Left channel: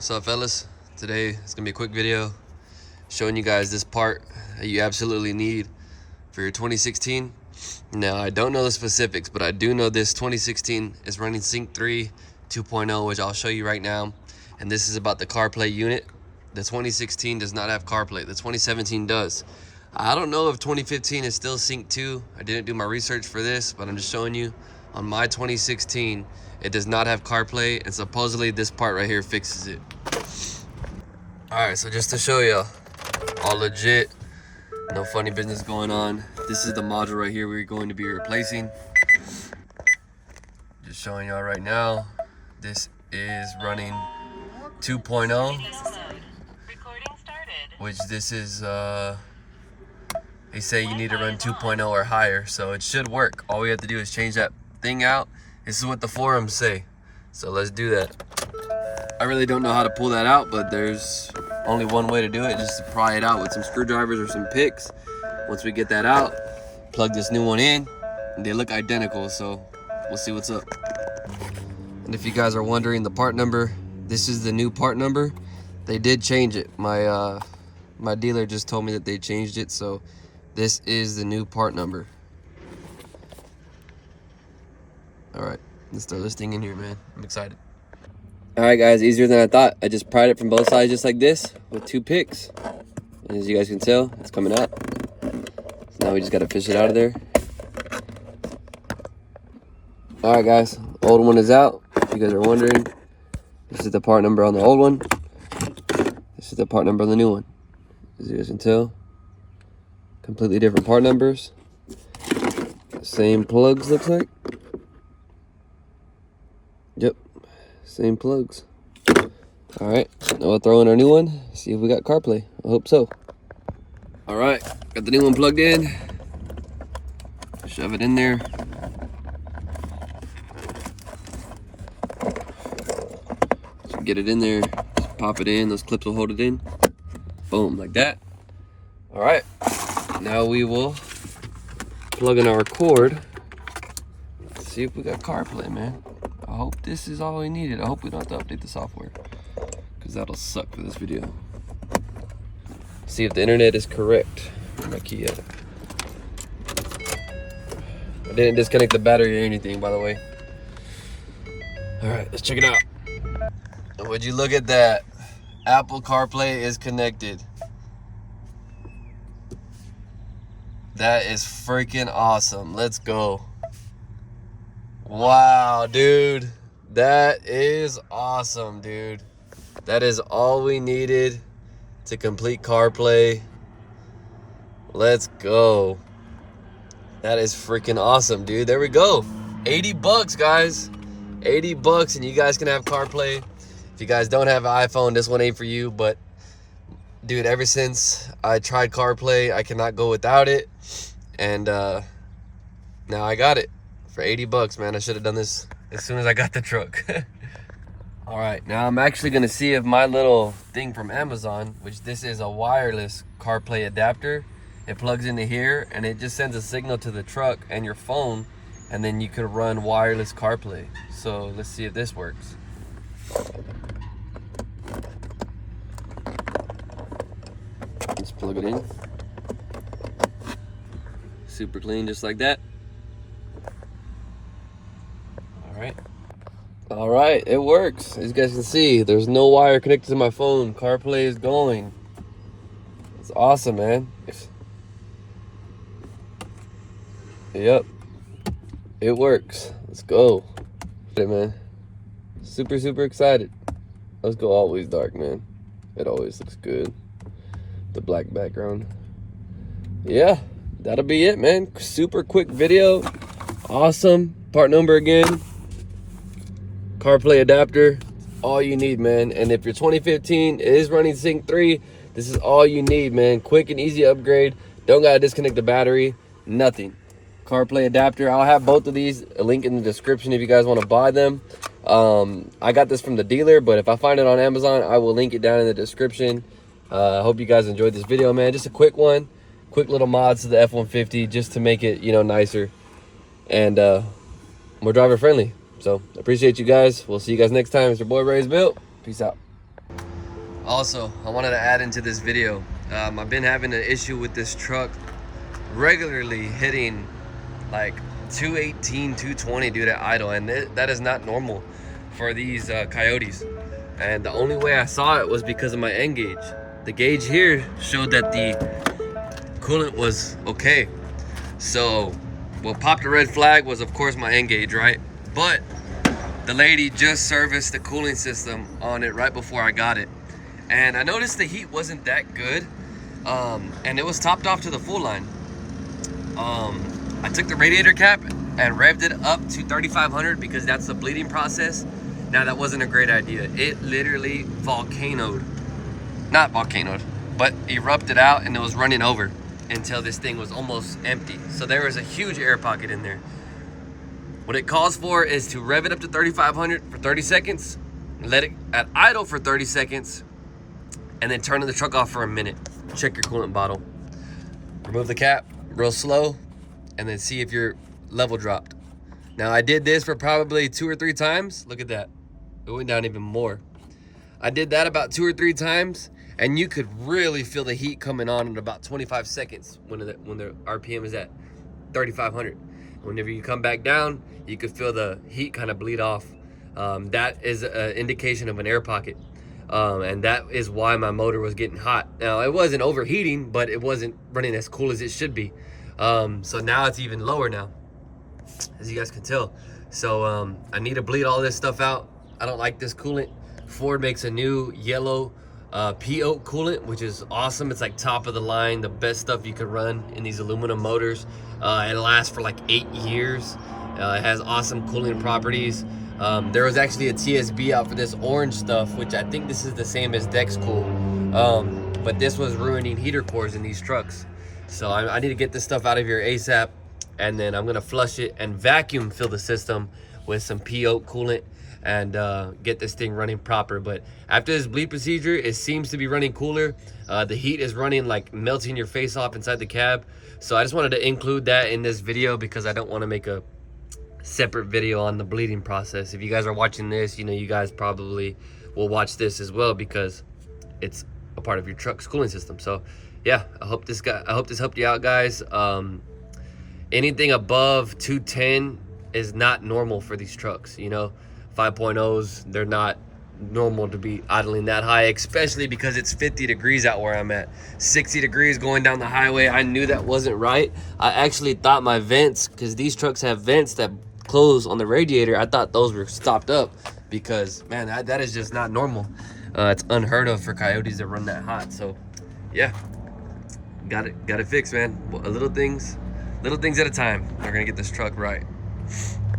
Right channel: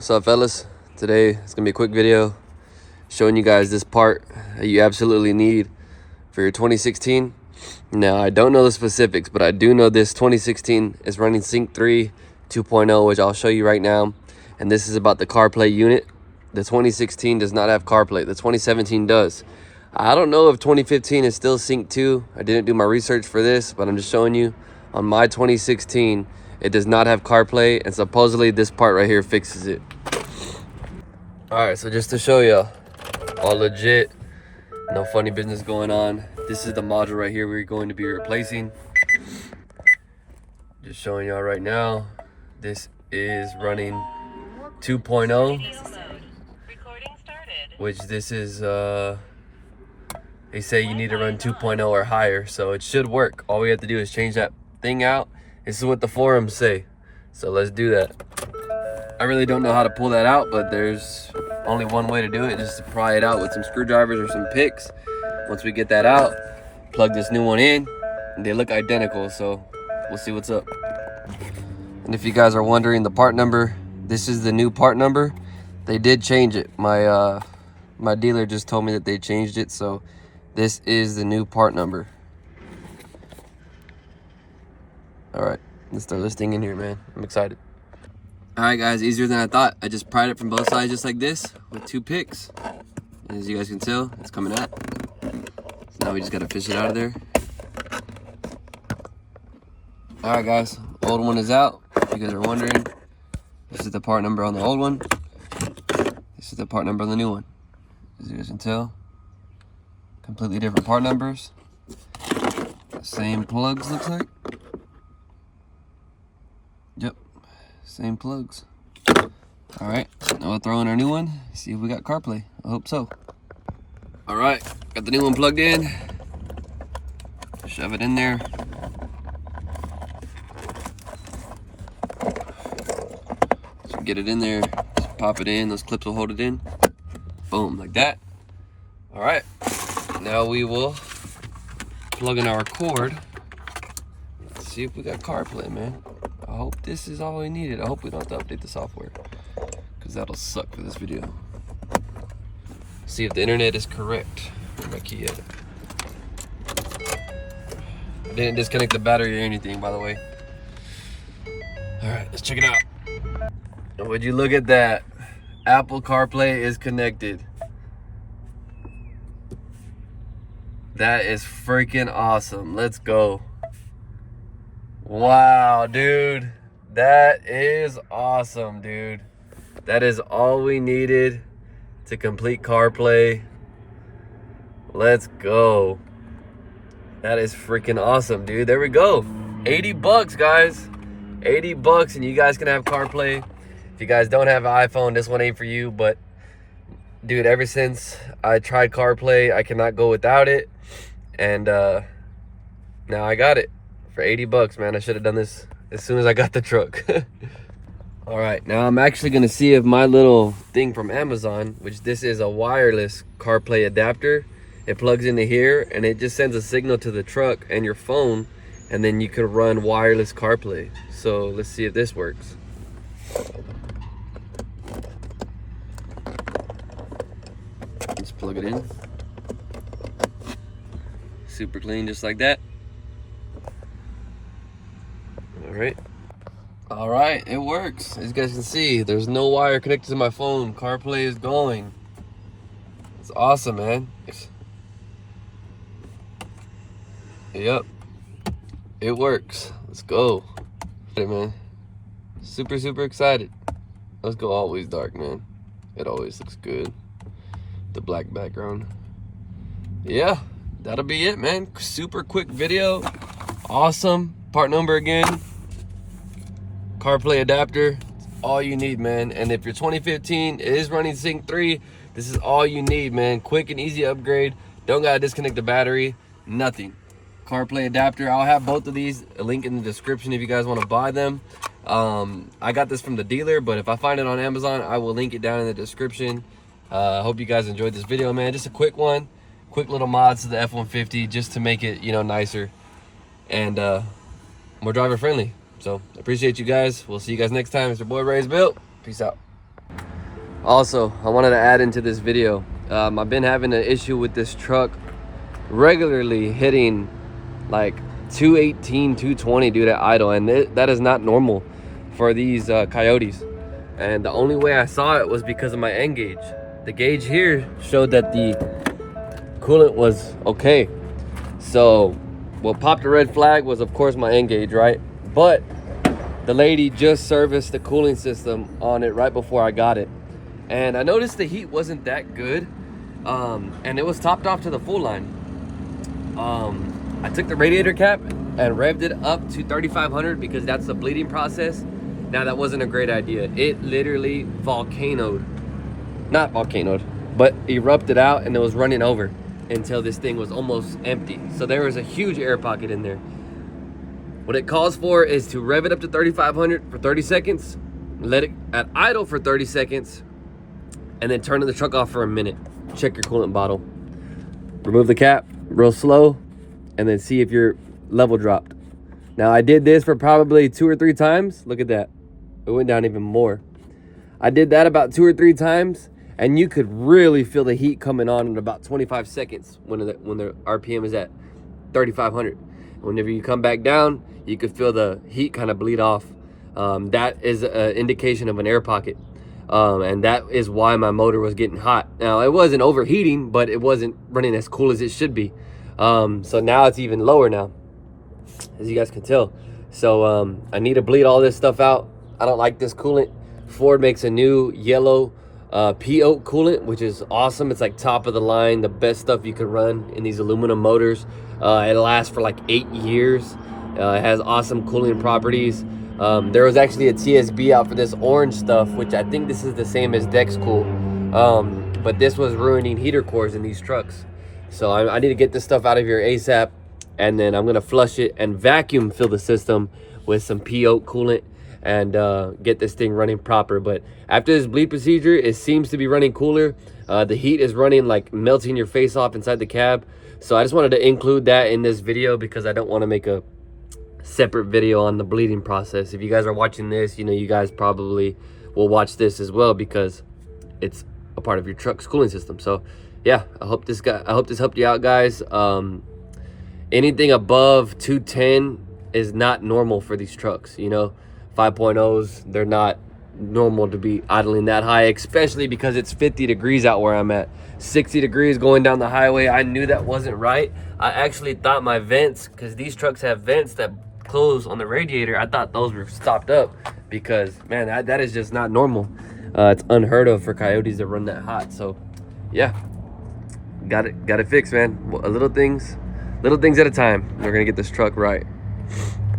What's up, fellas? Today it's gonna be a quick video showing you guys this part that you absolutely need for your 2016. Now, I don't know the specifics, but I do know this 2016 is running Sync 3 2.0, which I'll show you right now. And this is about the CarPlay unit. The 2016 does not have CarPlay. The 2017 does. I don't know if 2015 is still Sync 2. I didn't do my research for this, but I'm just showing you. On my 2016, it does not have CarPlay, and supposedly this part right here fixes it. All right, so just to show you, all legit, no funny business going on. This is the module right here we're going to be replacing. Just showing y'all right now, this is running 2.0, which this is, they say you need to run 2.0 or higher, so it should work. All we have to do is change that thing out. This is what the forums say, so let's do that. I really don't know how to pull that out, but there's only one way to do it, just to pry it out with some screwdrivers or some picks. Once we get that out, plug this new one in, and they look identical, so we'll see what's up. And if you guys are wondering the part number, this is the new part number. They did change it. My dealer just told me that they changed it, so this is the new part number. All right, let's throw this thing in here, man. I'm excited. All right, guys, easier than I thought. I just pried it from both sides just like this with 2 picks. And as you guys can tell, it's coming out. So now we just gotta fish it out of there. All right, guys, old one is out. If you guys are wondering, this is the part number on the old one. This is the part number on the new one. As you guys can tell, completely different part numbers. Same plugs, looks like. Yep, same plugs. All right, now we'll throw in our new one, see if we got CarPlay. I hope so. All right, got the new one plugged in. Shove it in there. So get it in there, just pop it in, those clips will hold it in. Boom, like that. All right, now we will plug in our cord. Let's see if we got CarPlay, man. I hope this is all we needed. I hope we don't have to update the software, because that'll suck for this video. See if the internet is correct. Where's my key at? I didn't disconnect the battery or anything, by the way. All right, let's check it out. Would you look at that? Apple CarPlay is connected. That is freaking awesome. Let's go. Wow, dude. That is awesome, dude. That is all we needed to complete CarPlay. Let's go. That is freaking awesome, dude. There we go. 80 bucks, guys. 80 bucks and you guys can have CarPlay. If you guys don't have an iPhone, this one ain't for you, but dude, ever since I tried CarPlay, I cannot go without it. And now I got it for 80 bucks, man. I should have done this as soon as I got the truck. All right, now I'm actually gonna see if my little thing from Amazon, which this is a wireless CarPlay adapter, it plugs into here and it just sends a signal to the truck and your phone, and then you could run wireless CarPlay. So let's see if this works. Let's plug it in. Super clean, just like that. All right, it works. As you guys can see, there's no wire connected to my phone. CarPlay is going. It's awesome, man. Yep, it works. Let's go. Hey, man, super excited. Let's go always dark, man. It always looks good. The black background. Yeah, that'll be it, man. Super quick video. Awesome. Part number again. CarPlay adapter, all you need, man. And if your 2015 is running Sync 3, this is all you need, man. Quick and easy upgrade. Don't gotta disconnect the battery, nothing. CarPlay adapter, I'll have both of these, a link in the description if you guys want to buy them. I got this from the dealer, but if I find it on Amazon, I will link it down in the description. I hope you guys enjoyed this video, man. Just a quick one, quick little mods to the F-150 just to make it, you know, nicer and more driver friendly. So appreciate you guys. We'll see you guys next time. It's your boy ReyesBuilt. Peace out. Also, I wanted to add into this video, I've been having an issue with this truck regularly hitting like 218, 220 due to idle, and that is not normal for these Coyotes. And the only way I saw it was because of my N gauge. The gauge here showed that the coolant was okay. So what popped a red flag was, of course, my N gauge, right? But the lady just serviced the cooling system on it right before I got it, and I noticed the heat wasn't that good, and it was topped off to the full line. I took the radiator cap and revved it up to 3,500 because that's the bleeding process. Now, that wasn't a great idea. It literally not volcanoed, but erupted out, and it was running over until this thing was almost empty. So there was a huge air pocket in there. What it calls for is to rev it up to 3,500 for 30 seconds, let it at idle for 30 seconds, and then turn the truck off for a minute. Check your coolant bottle. Remove the cap real slow, and then see if your level dropped. Now, I did this for probably 2 or 3 times. Look at that. It went down even more. I did that about 2 or 3 times, and you could really feel the heat coming on in about 25 seconds when the RPM is at 3,500. Whenever you come back down, you could feel the heat kind of bleed off. That is an indication of an air pocket. And that is why my motor was getting hot. Now, it wasn't overheating, but it wasn't running as cool as it should be. So now it's even lower now, as you guys can tell. So I need to bleed all this stuff out. I don't like this coolant. Ford makes a new yellow P-Oak coolant, which is awesome. It's like top of the line, the best stuff you could run in these aluminum motors. It lasts for like 8 years. It has awesome cooling properties. There was actually a TSB out for this orange stuff, which I think this is the same as DexCool. But this was ruining heater cores in these trucks. So I need to get this stuff out of here ASAP. And then I'm gonna flush it and vacuum fill the system with some P-Oak coolant and get this thing running proper. But after this bleed procedure, it seems to be running cooler. The heat is running like melting your face off inside the cab. So I just wanted to include that in this video because I don't want to make a separate video on the bleeding process. If you guys are watching this, you know, you guys probably will watch this as well because it's a part of your truck's cooling system. So yeah, I hope this helped you out, guys. Anything above 210 is not normal for these trucks. You know, 5.0s, they're not normal to be idling that high, especially because it's 50 degrees out where I'm at. 60 degrees going down the highway. I knew that wasn't right. I actually thought my vents, because these trucks have vents that close on the radiator, I thought those were stopped up because, man, that is just not normal. It's unheard of for Coyotes to run that hot. So yeah, got it fixed, man. Little things at a time. We're gonna get this truck right.